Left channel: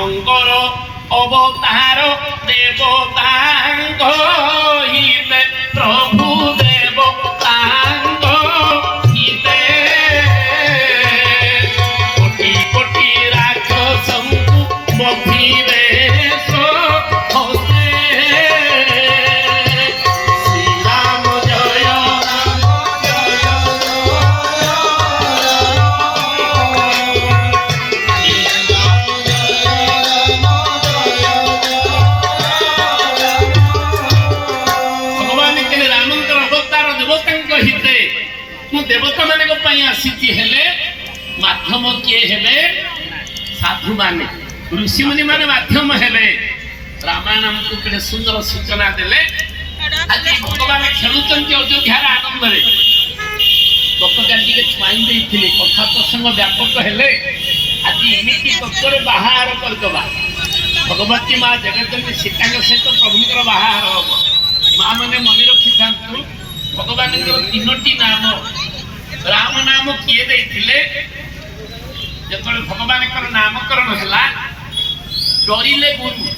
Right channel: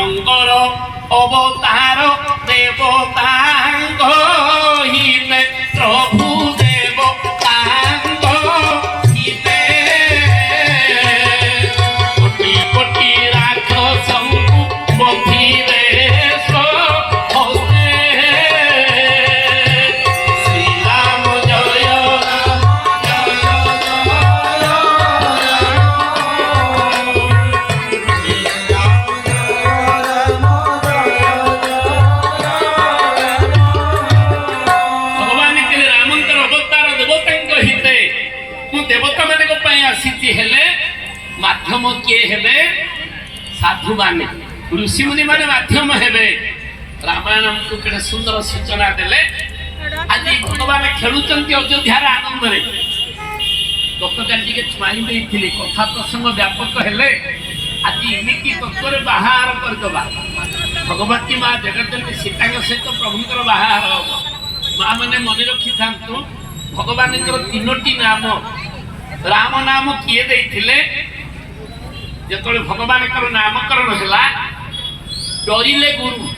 ରାମଙ୍କର ଅବତାର ଦେବତାଙ୍କ ହିତେ ପ୍ରଭୁ ଦେବତାଙ୍କ ହିତେ କୋଟି କୋଟି ରାକ୍ଷସଙ୍କୁ ବଧିବେ देवता मान आसी हेले माध्यम किए हेले साधु माने ऋषि मुनि माने माध्यम हेले रामायण हमको केडे सुंदर सूचना देले आज भगवान खेलुचंती अयोध्यार आनंद रे गतकाली के छुआई देइथिले कथा प्रसंग व्यापक हेले आज इमिति तत्व बाहर कर दबा भगवती मां जगदम्बे सीता सहित प्रभुकर बाहर हो मां माने मन रखी थांतु भगवान तीनोटी नाम राम नाम किए देइथिले जेतले भगवान कर नामकरण होला डरिले गुरु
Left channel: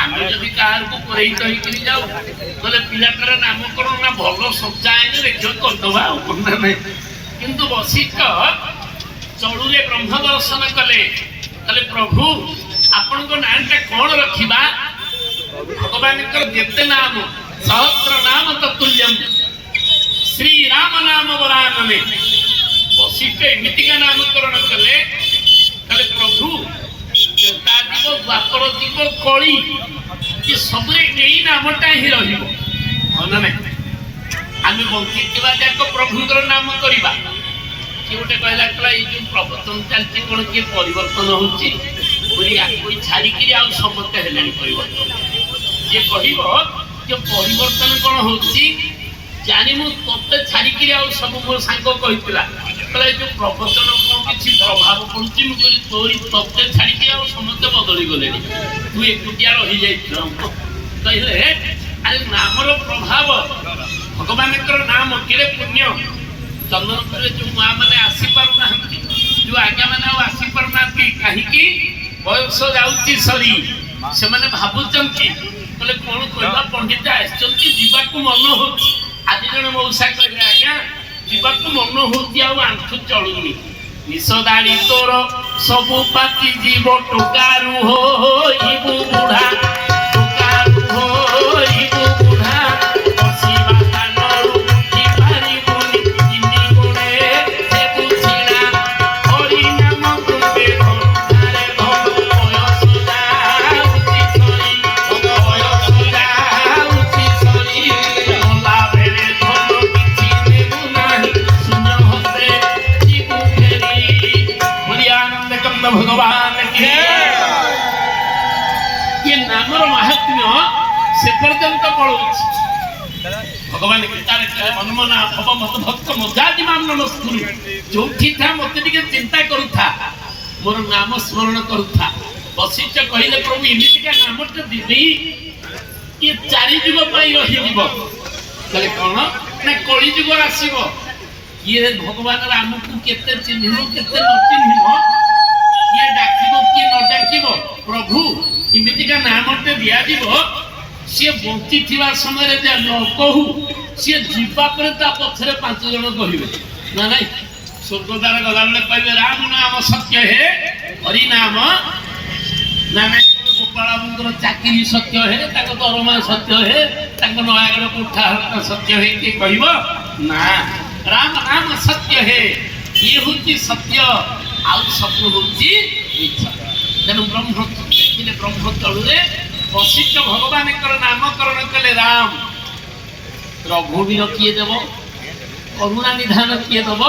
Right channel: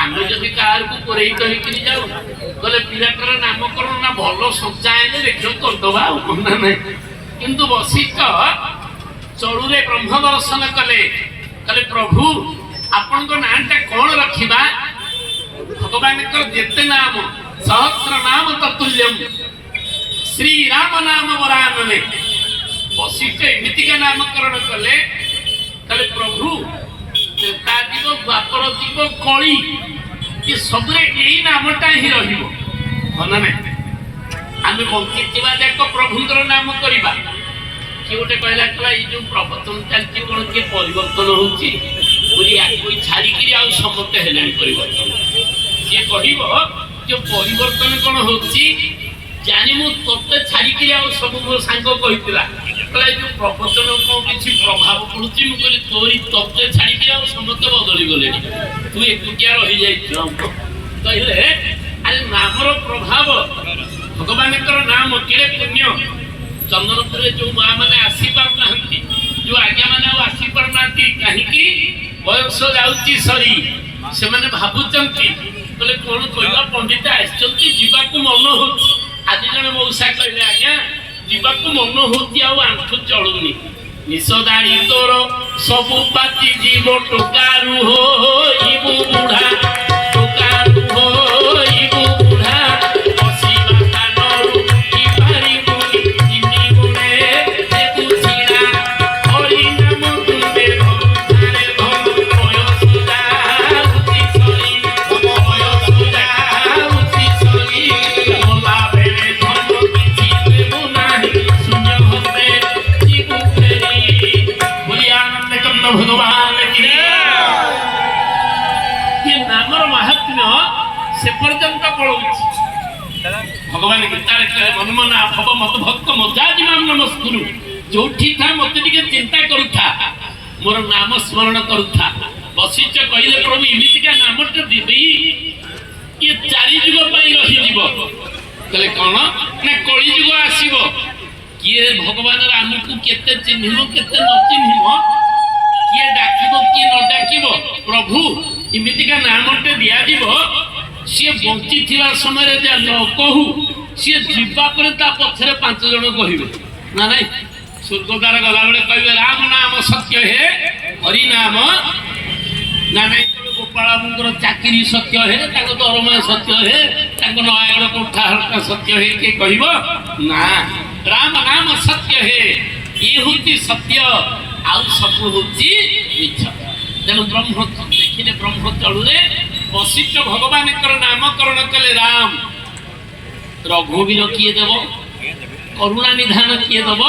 आमे जदि कार को कोरई कहि कि जाऊ तले पिलाटर नामकरण ना भलो सचाए ने देखियो कर दवा कोना नै किंतु वशिष्ठ चळुरे ब्रह्म दर्शन कले कले प्रभु आपन को नामटा कोन रखिबा भगवान कर जेते नाम सहस्र नाम ततुल्यम श्री राम नाम वरानने वशिष्ठ एमितिका नामकरण कले कले प्रभु त्रेता जीव द्वापर जीव कली ये सबरे एई नामटा ही रहिबो होना नै आमे बंची थिबा जाक प्रभुकर नाम करिबा कि ओटे कहला कला ई जो प्रवचन चलती कोन के परिवर्तन होची पुरी आ कोई छाड़ी कि आ समते हेलानी परिवर्तन जे कहिबो जे परिवर्तन कोन होची जानी मु तोते छाड़ी कि आ सब मो सांग कहितला कला जो प्रवचन को किछि प्रभाव पड़ुची मु कहली तोरी तोते छाड़ी कि आ समते बदली गले तू एकुटिया रहि जाई कहले अरे नामर प्रभाव भगवान कर नाम केरे पुण्य चंदनपुर जो मां माने आसी पार नाहंती जो आज्ञा माने आसी पार नाहंती काहे कि बयस जाउची सरी से माने भाबुचंती बोले कोन कहला पंडित आछंती जीवा को मन होची आज जने मौसा कहले आज्ञा जीवा को मन होती आ आंठु चलुनी निसदाड़ी तोर सब पाती जीव टोकारू होइबु बुढ़ा टोकारू होइबु बुढ़ा बसिबा कानरू की पारी बुनी जिनी गुणे से बुझिना हरि नाम तुंबे रे धो बयसुदा उति सरी बयसुदा उति सरी मोला बेले धन किछि देबु नाही शून्य होते जीवु फेरी बोली आनंद कंद भगवान की ये नामर महात्म्य से पर्यंत पळुछि भगवान गीतारे कहे मनमना भव मत भक्त मजाजी माम नमस्कुरु जोठी था मते टिके चिंता करूथा मोर नाम स्मरण करूथा वशिष्ठ कहिले प्रभु इमितिका नामट दिबी ये चारि जुग पई रहि जीव कहले कोन ना कଳି जुग आसीबो किए भगवान राम को केते चिन्हिबो केते न चिन्हिबो किए डाकिबो किए न डाकिबो प्रभु इमितिका नामटे दिया जीवो सी बंची थिबा समय जे न कहू सी जीवा पर ता पथरे पांच जण कहिबे ना नहीं स्वर्गद्वार गला बेले कहबे राम नाम सत्य है हरि नाम ना नहीं गोपाल बाबूर चाकरी सत्य है ताको दरमा सत्य है ताको नयागढ़ कोठा हल्का सत्य है के कहबो ना राम नाम सत्य है ये होती सत्य आउ सब होती मिथ्या तेणु ब्रह्म देखिले ब्रह्म तलुरे वशिष्ठ भगवान नामकरण कले राम रघुवीर किए देव करुणा निधान किए देव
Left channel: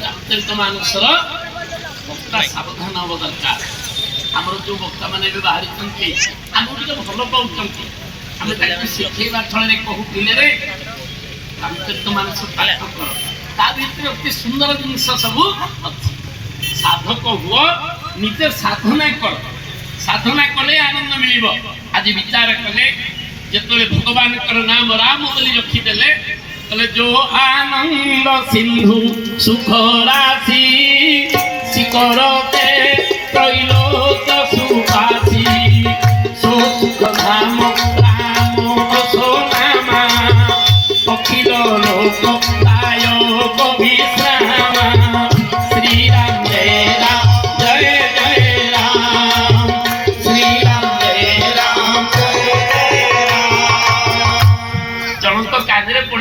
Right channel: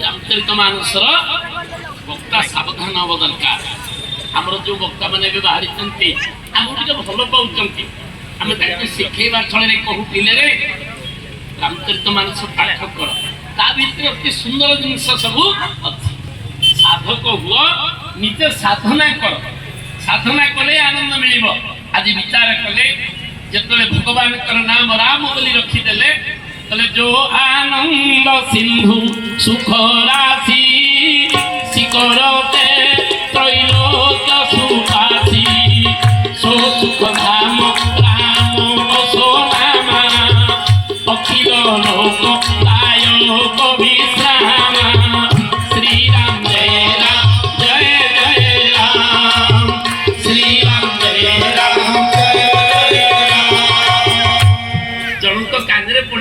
रामचरित मानसर वक्ता सावधान हवा दरकार आमर जो वक्ता मैंने बाहरी आम भल पाँच आम शिखेबा छल कहू पिले रामचरित मानस पाठ कर ता भीतर अति सुंदर जिनस सब अच्छी साधक हुआ निजे साधना कर साधना कले आनंद मिलिबो आज विचार कले जेतले भगवान कर नाम राम बोली रखिदेले कले जो आनंद सिंधु सुख राशि शिखरते त्रैलोक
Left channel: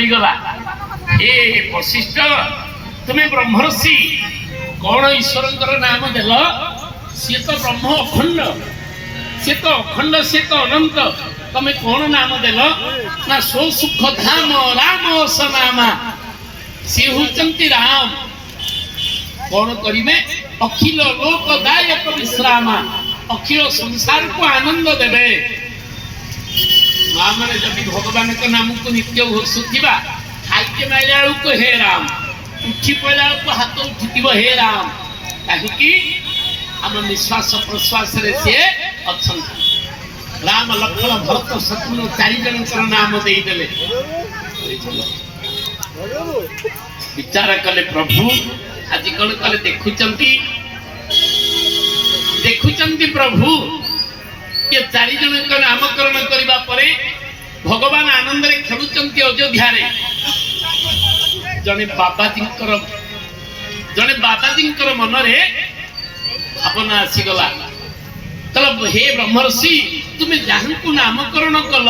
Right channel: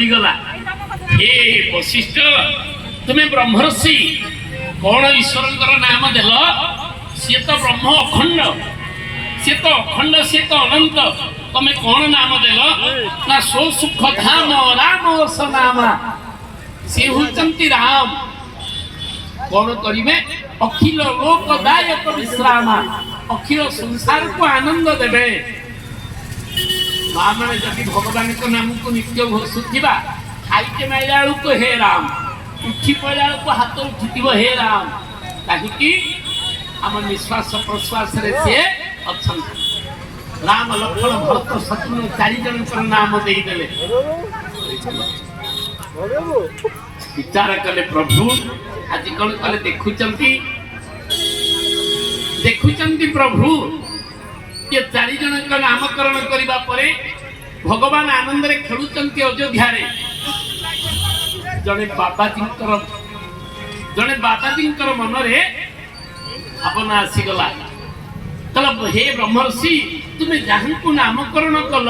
पड़गला हे वशिष्ठ तुम्हें ब्रह्मर्षि कौन ईश्वर नाम देल सी तो ब्रह्म अखंड सी तो अखंड सी तो अनंत तमें कौन नाम देल ना सो सुख धाम राम स नाम सी होचंती राम कौन करिवे अखिल लोकदायक विश्राम अखिल संसार को आनंद देवे मैंने जब भगवान को नाम को नित्य घोषुवा खाइके माइला को हे राम उठी पड़ा को हाथ उठी हे राम कहीं आम निश्वास प्रश्वास सी अच्छा राम लक्ष्मण भरत शत्रुघ्न चार जन नाम देदेले विचार कले प्रभु आज कौन कले देखुचंती प्रभु ये चार जन नामकरण करने पर भगवान आनंद रे खेलुचंती अयोध्या रे जने बाबाजी मन रे भावना आसीगला चलो हे ब्रह्मर्षि तुम्हें जहाँ को नामकरण कल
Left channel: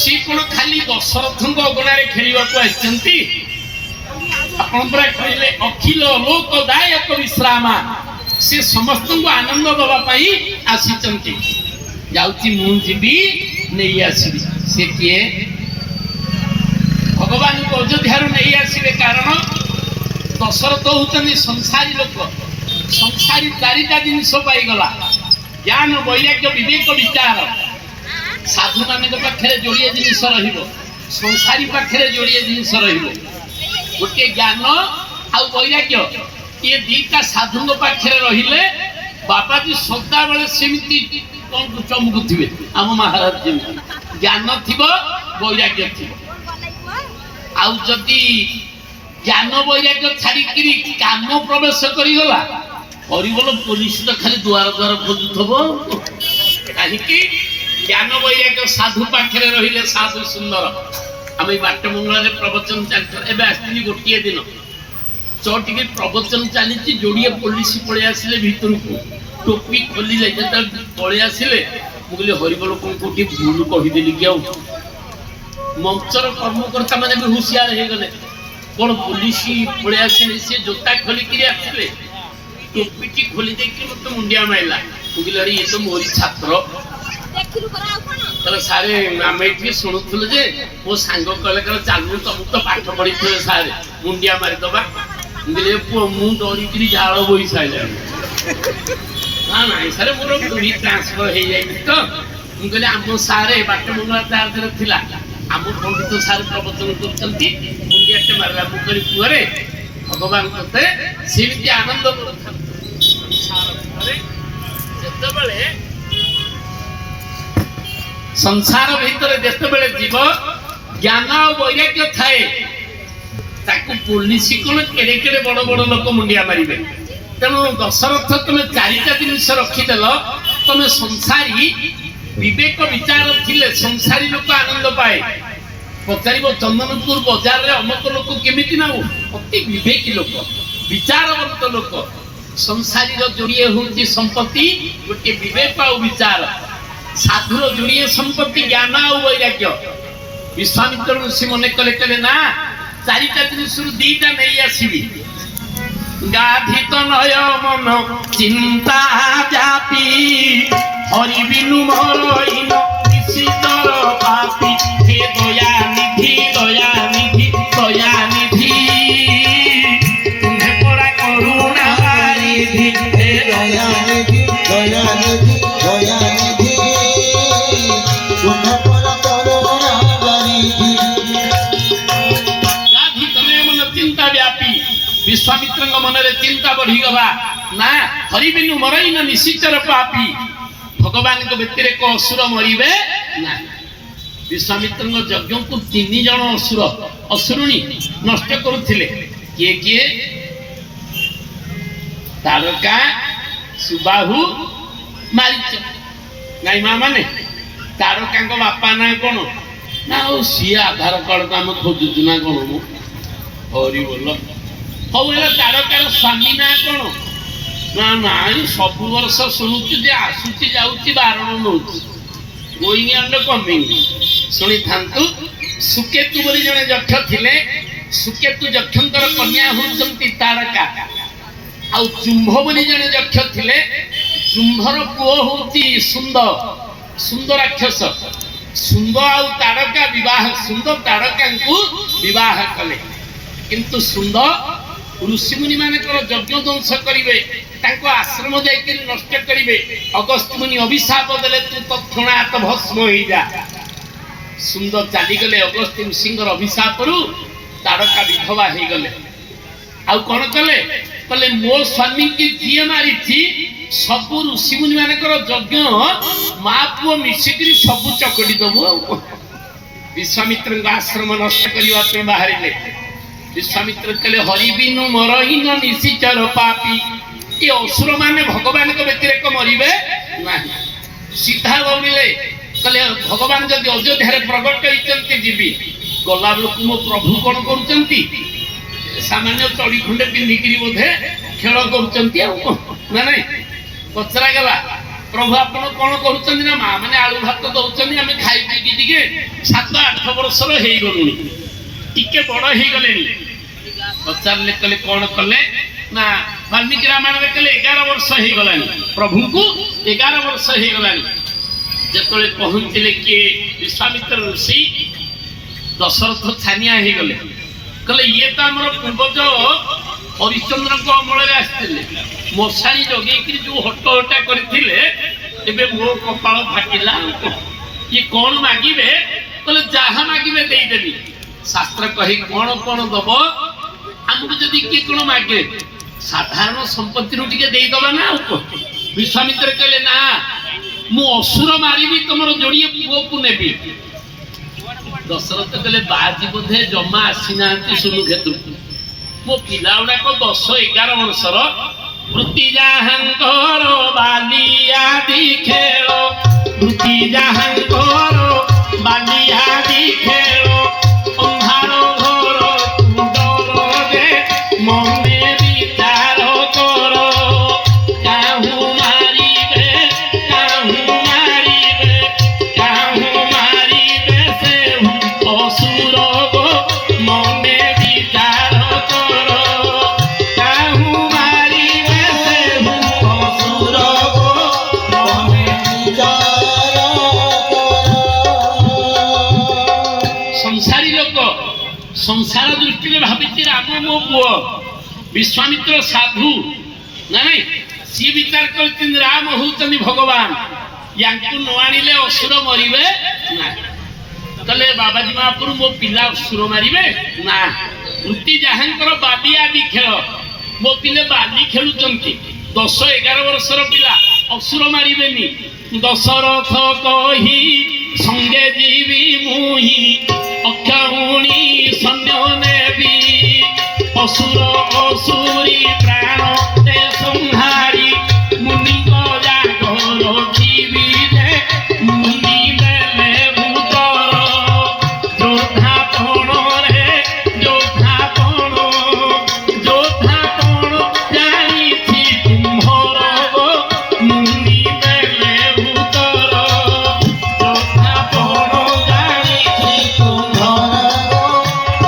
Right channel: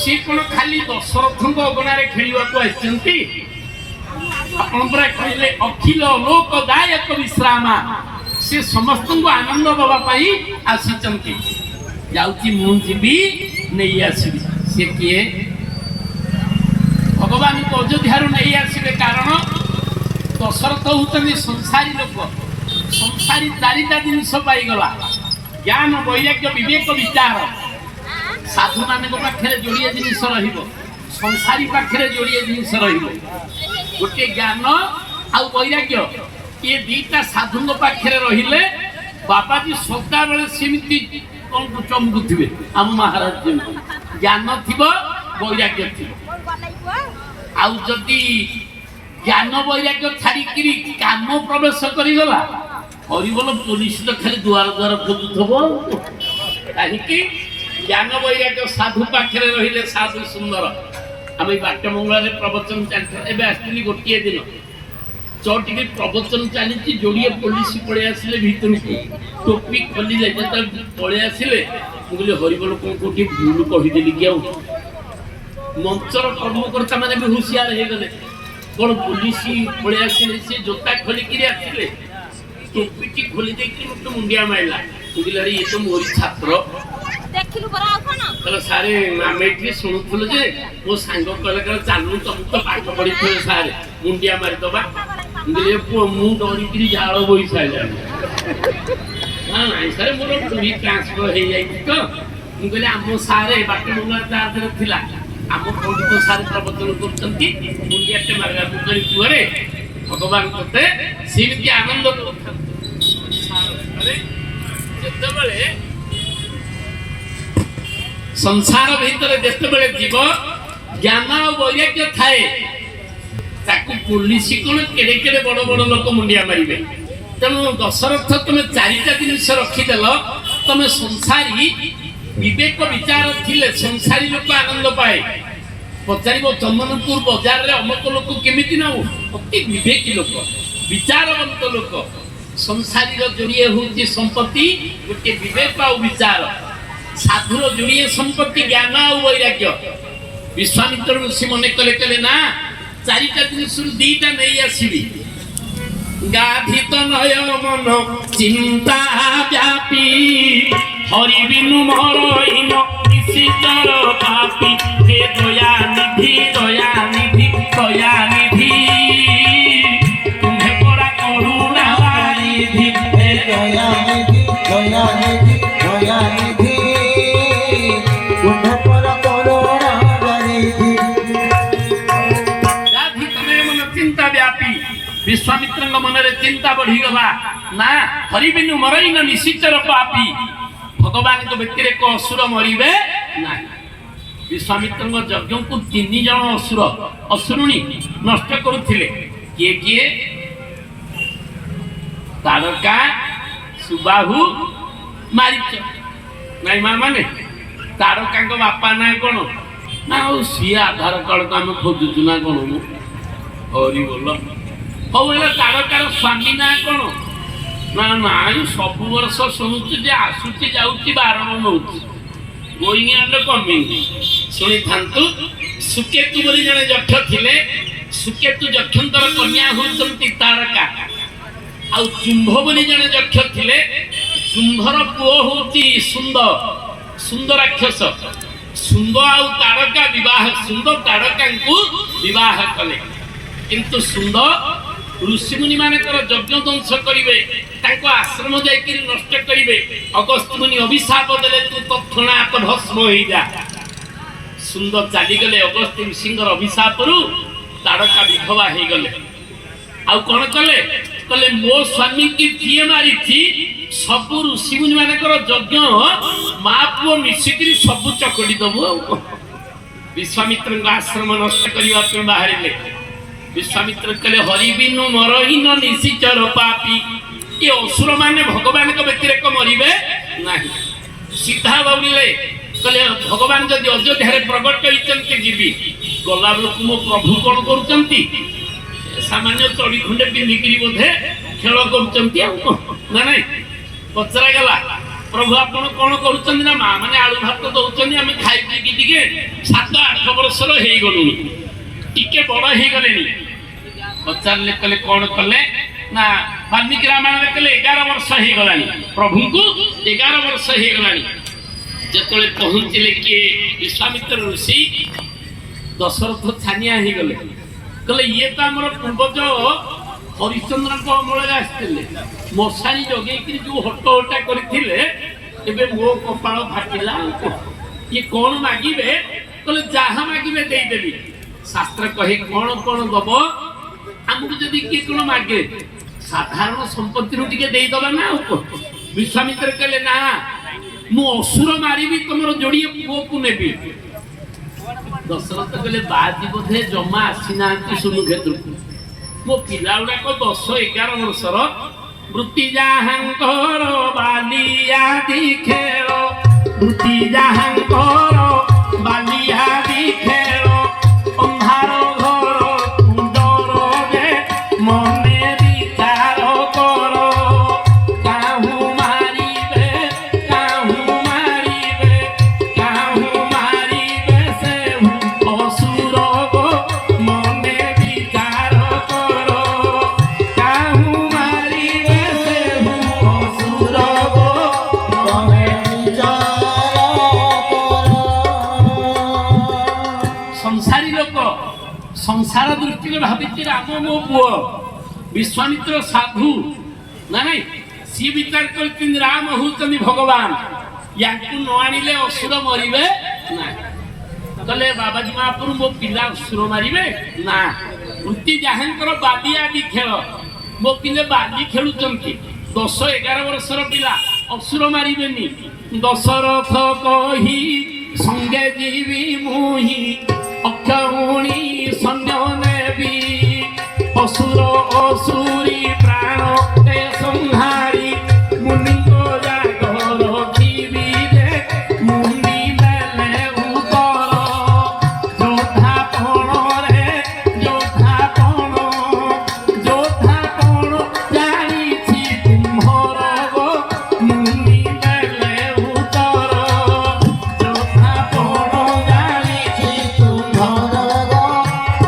सी कौन खाली दशरथ अगणारे खेलवा को आसती आपण पूरा कहले अखिल लोकदायक विश्राम से समस्त को आनंद दवाई आसी जाऊँगी मुझी नहीं आसबि से किए भगवान को अयोध्या नहीं आसवे कारण दशरथ होती संसारी लोक संसारी चारिटा जिनस पाईगला ज्ञान वैराग्य विवेक विचार साधु मान पाखे जोड़िए जिनस रंसारी पाखे जोड़िए जिनस रोटे ज्ञान आउ वैराग्य ये दीटा साधु पाखे रहिले बाबाजी सदा बेले सेमती कौन चमकुवे आम महाराज जमी ज्ञान थी वैराग्य थी आउ जदि ज्ञान वैराग्य छाड़ी काम प्रवेश करगला हरिबोल पुलिस तो खाली दुआर दुआर खोजुव कहीं ज्ञान वैराग्य साधु पाखे रहिले साधु सुंदर आम बाट मंगल प्रवचन चलती आसती गोटे दिन चौटी प्रवचन चली जोड़िए पुलिस पलि आसिले भीतर को टोपी खोलिले जो पलि आसिले मुझे हरिबोल कौन कौटी भूल कहीदेली कि मंचर कर्मकर्ता मैंने भी हुशियार हो गले कौन पुलिस पलि आसिले सी जोता खोलिकी आसिले टोपीटी खोली देखिए मत मुंडिया मारला मुझे अरे ये तो मोरी छात्र कहले सारे आम ये शुणुलु जे मो सांग कहले चलू तुम तो पाठ पढ़ी थे सारे मुंडिया मारिदबा मुझे पुओ मु डरिकी झाड़ बोई सारे ना ना सारे मोर पूरी ट्रांसफर हो जाए तो मुझे आम सारे बाट मंगला चार्ज थिला आम पंडित सारे प्रवचन करते मुंडियाटे मारा मुझे पुअरे भगवान ते सेमती आनंद संसार भीतर जिते जीव ज्ञान और वैराग्य थाए ताकू पुलिस कौन केड़े केड़े बड़ बड़ लोक मुंडिया मारे तेणु दशरथ तुम्हें चारिटा जिनिस रखिदेल तुम्हें संसारी विवेक विचार थिले संसारी लोक आनंद पाए पचार चंदनपुर बजार रे अमक लोक केमिति ना अति विवेकी लोक विचारवंत लोक संसारी जोड़िए हूँ संपत्ति गोटे विवेक और विचार साधुर जोड़िए संपत्ति ज्ञान और वैराग्य विश्वामित्र ऋषि मन कले कले ना चारिटा जिनिस दीटा नहीं आसबि गाधित नय मन चिंता व्यापी हरि बिनु मोर इन निशितर पापी हे दया निधि दया निधि दया निधि तुम्हें बड़ा करुणा निधि हे दया निधि दया निधि दया निधि तुम्हें बड़ा करुणा निधि गाधित नय मन चिंता व्यापी विश्वामित्र मन रे चिंता बढ़ीगला ना हरि बिनु मरईन निशिचर पापी भगवान को व्यतिरेक असुर मरिबे ना विश्वामित्र यज्ञ को 3 जन असुर असुरुणी नष्ट करुथिले किए किए तारका सुबाहु मारीच नाई माँ माने तारका बापा ना कौन ना सी आधार कार्ड को आम खोजुचु ना कौन मु हरि बोल हौ तारकार स्वामी ना कौन ना ना सब वर्ष शुणुचु जे आसुची जाऊची बारण नौची ଗୋଇଂ ଆଣ୍ଡ କମିଂ ଶୁଣି ଥାନ୍ତୁ। ସୁକେତୁ ବୋଲି ଜଣେ ଯକ୍ଷ ଥିଲେ। ସୁକେତୁ ଯକ୍ଷଙ୍କର କନ୍ୟା ହେଉଛନ୍ତି ତାରକା। ଆଉ ଚୁମ୍ଭ ବୋଲି ଜଣେ ଯକ୍ଷ ଥିଲେ। ଚୁମ୍ଭର ପୁଅ ହଉଛି ସୁନ୍ଦ, ସୁନ୍ଦ ରାକ୍ଷସ। ସୁନ୍ଦ ଆଉ ତାରକା ବିବାହ, ସୁନ୍ଦ ତାରକାଙ୍କୁ ବିବାହ କଲେ। କିନ୍ତୁ ସୁନ୍ଦ ଋଷିମୁନି ମାନଙ୍କର ଯଜ୍ଞ ଧ୍ୱଂସ କରିବେ, ତାଙ୍କ ଆଶ୍ରମ ଯାଇକରି ନଷ୍ଟ କରିବେ। ଅଗସ୍ତ୍ୟ ମୁନି ଅଭିଶାପ ଦେଲେ ତୁ ତତ୍କ୍ଷଣାତ୍ ଭସ୍ମ ହେଇଯା। ସୁନ୍ଦ ଚାଲିଗଲେ ଅଗସ୍ତ୍ୟ ଋଷିଙ୍କର ଅଭିଶାପରୁ। ତାରକା ବିଧବା ହେଇଗଲେ। ଆଉ କଣ କଲେ? କହିଲେ ମୋ ସ୍ୱାମୀକି ଯିଏ ମାରିଛି ସବୁ ଋଷିମୁନି ମାନଙ୍କର ଯଜ୍ଞ ମା ପୁଅ ମିଶିକିରି ସବୁ ଚକଟି ଦବୁ। ଆଉ ବିଶ୍ୱାମିତ୍ରଙ୍କ ଆଶ୍ରମ ନଷ୍ଟ କରିବା ପାଇଁ ବାହାରିଲେ। ବିଶ୍ୱାମିତ୍ର କହିଲେ ହରିବିନୁ ମରହୀନ ନିଶିଚର ପାପି, ଏ ଅସୁର ମାନେ ଭଗବାନଙ୍କ ବ୍ୟତିରେକ ମରିବେ ନାହିଁ। ସିଧା ଦୌଡ଼ିଲେ। କହିଲେ ଭଗବାନ ଯଦି ଅଯୋଧ୍ୟାରେ ପ୍ରଗଟ ହେଇଛନ୍ତି ଯିବି। ଗଲା ବେଳକୁ ମୋ ପ୍ରଭୁ କଣ କରୁଛନ୍ତି? ସାମାନ୍ୟ ଚଢି ଖଣ୍ଡେ ପିନ୍ଧିକିରି ବୋଧେ ଖେଳ କରୁଛନ୍ତି। ଆଉ ନା ନାଇଁ? ପଚରା ଗଲା ପ୍ରଭୁ ଆପଣ କଣ କରୁଛନ୍ତି? ନା ମା ମାନେ ଆଳୁ ଭାତ ଦଉଛନ୍ତି, ଆମେ ଖାଇ ପିଇକି ଟିକେ 7-8 ବର୍ଷର ହେଇଗଲୁଣି, ଟିକେ ବଡ ହେଇଗଲେଣି। ପଚାରିଲେ କହିଲେ କଣ କଲେ? ନା ବାଲ୍ମୀକି ରାମାୟଣରେ କହିଲେ 11 ବର୍ଷ ହେଇଗଲାଣି, ପ୍ରଭୁଙ୍କୁ 11 ବର୍ଷ ହେଇଗଲାଣି। ଯେତେବେଳେ ପହଞ୍ଚିଲେ କିଏ? ବିଶ୍ୱାମିତ୍ର ଋଷି। ଦଶରଥ ଛାନିଆ ହେଇଗଲେ। କହିଲେ ଇଏ ତ ଆମର ପୂର୍ବଜ ହରିଶ୍ଚନ୍ଦ୍ରଙ୍କ ଅମଳରେ ଆସିଥିଲେ, ମଶାଣି ଜଗେଇକିରି ଯୋଉ ହଟହଟା କରିଥିଲେ, ଏବେ ମୋ କପାଳ ଫାଟିଲା। ଇଏ କଣ ମାଗିବେ? କହିଲେ ଯାହା ମାଗିବେ ଦେଇଦେବି। ଶାସ୍ତ୍ର କହି କଣ କଣ ଦବ? ଆମକୁ ଯଦି କିଏ କଣ ମାଗେ ସାଧାରଣ ସମ୍ପତ୍ତିରୁ ଟିକେ ଦେଇଦବା ନା। ଆଉ ବିଶ୍ୱାମିତ୍ର କହିଲେ ନା, ମୁଁ ଅସୁର ମାରିବି, ତମର ଯୋଡ଼ିଏ ପୁଅକୁ ନେବି। ଦଶରଥ କହିଲେ ବାଜି ବୋଧେ ଜମା ଆସିନାହାନ୍ତି ସୁନୁକ୍ଷେତ୍ରକୁ। ମୋ ପିଲା ଗୁଡାକ 10-11 ବର୍ଷର। ବୃତ୍ତି ଯାହାଙ୍କର ବାଲିଆଦି ଖେଳ, ବୃତ୍ତି ଯାହାଙ୍କର ବାଲିଆଦି ଖେଳ, ଅନ୍ଧାର ଘର ଡର ଯେ ମନେ ବିଚାର କର। କାହୁଁ ମାରିବେ, କାହୁଁ ମାରିବେ, କାହୁଁ ମାରିବେ ସେ ଅସୁର ଗୋ ମନେ ବିଚାର କର। କାହୁଁ ମାରିବେ ସେ ଅସୁର ଗୋ ମନେ ବିଚାର କର। ସଂସାରୀ ଲୋକ ସଂସାର ଦୃଷ୍ଟିରେ ଭାବିଛି ରାମ ମୋ ପୁଅ। ବିଶ୍ୱାମିତ୍ର ସାଧୁ ନା ନାଇଁ, ସିଏ ବିଚାର କରିଛନ୍ତି ରାମ ହଉଛନ୍ତି ଭଗବାନ, ୟାଙ୍କୁ ନ ଆଣିଲେ ଅସୁର ମରିବେ ନାହିଁ। କହିଲେ ବାବାଜୀ ମହାପୁର ମୋ ପିଲା ଅସୁର ମାରିବେ ନା। ବୃତ୍ତି ଯାହାଙ୍କର ବାଲିଆଦି ଖେଳ, ମୋ ପିଲେ ବାଲି ଖେଳୁଛନ୍ତି। 10-11 ବର୍ଷର ପିଲା, ଅସୁର ମାରିବେନି। ଦଶରଥ କହି ସଙ୍ଗେ ଯିବି ମୁହିଁ, ଅକ୍ଷଉଣୀ ସୈନ୍ୟ ନେବି। ଅସୁର ଅସୁରୀ ପ୍ରାଣ ତେ ସଂହାରି, ମୁନିଙ୍କ ଜାଗ ରଖିବି ଯେ ମୁନି ବେଲେ ଉତ୍ତର। ଯୋଦ୍ଧା ପଣରେ ଯୋଦ୍ଧା ପଣ, ଯୋଦ୍ଧା ପଣ ଜାଣିଛି ତୁମ୍ଭର ଗୋ ମୁନି ବେଲେ ଉତ୍ତର। ଯୋଦ୍ଧା ପଣ ଜାଣିଛି ତୁମ୍ଭର ଗୋ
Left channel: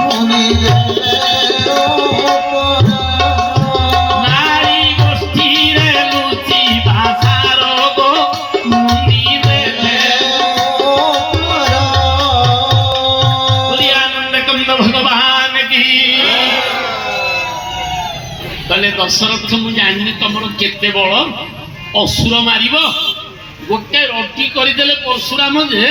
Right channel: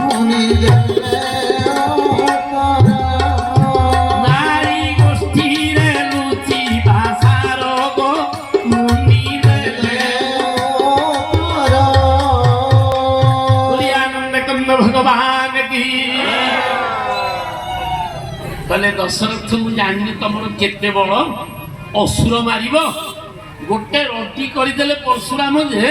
ମୁନି ବେଲେ ଉତ୍ତର। ନାରୀ ଗୋଷ୍ଠୀରେ ଲୁଚି ଭାଷାର ଗୋ ମୁନି ବେଲେ ଉତ୍ତର। ଆନନ୍ଦ କନ୍ଦ ଭଗବାନ କି। କହିଲେ ଦଶରଥ ମୁଁ ଜାଣିନି ତମର କେତେ ବଳ, ଅସୁର ମାରିବ। ଗୋଟେ ରଟି କରିଦେଲେ ପରଶୁରାମ ଯେ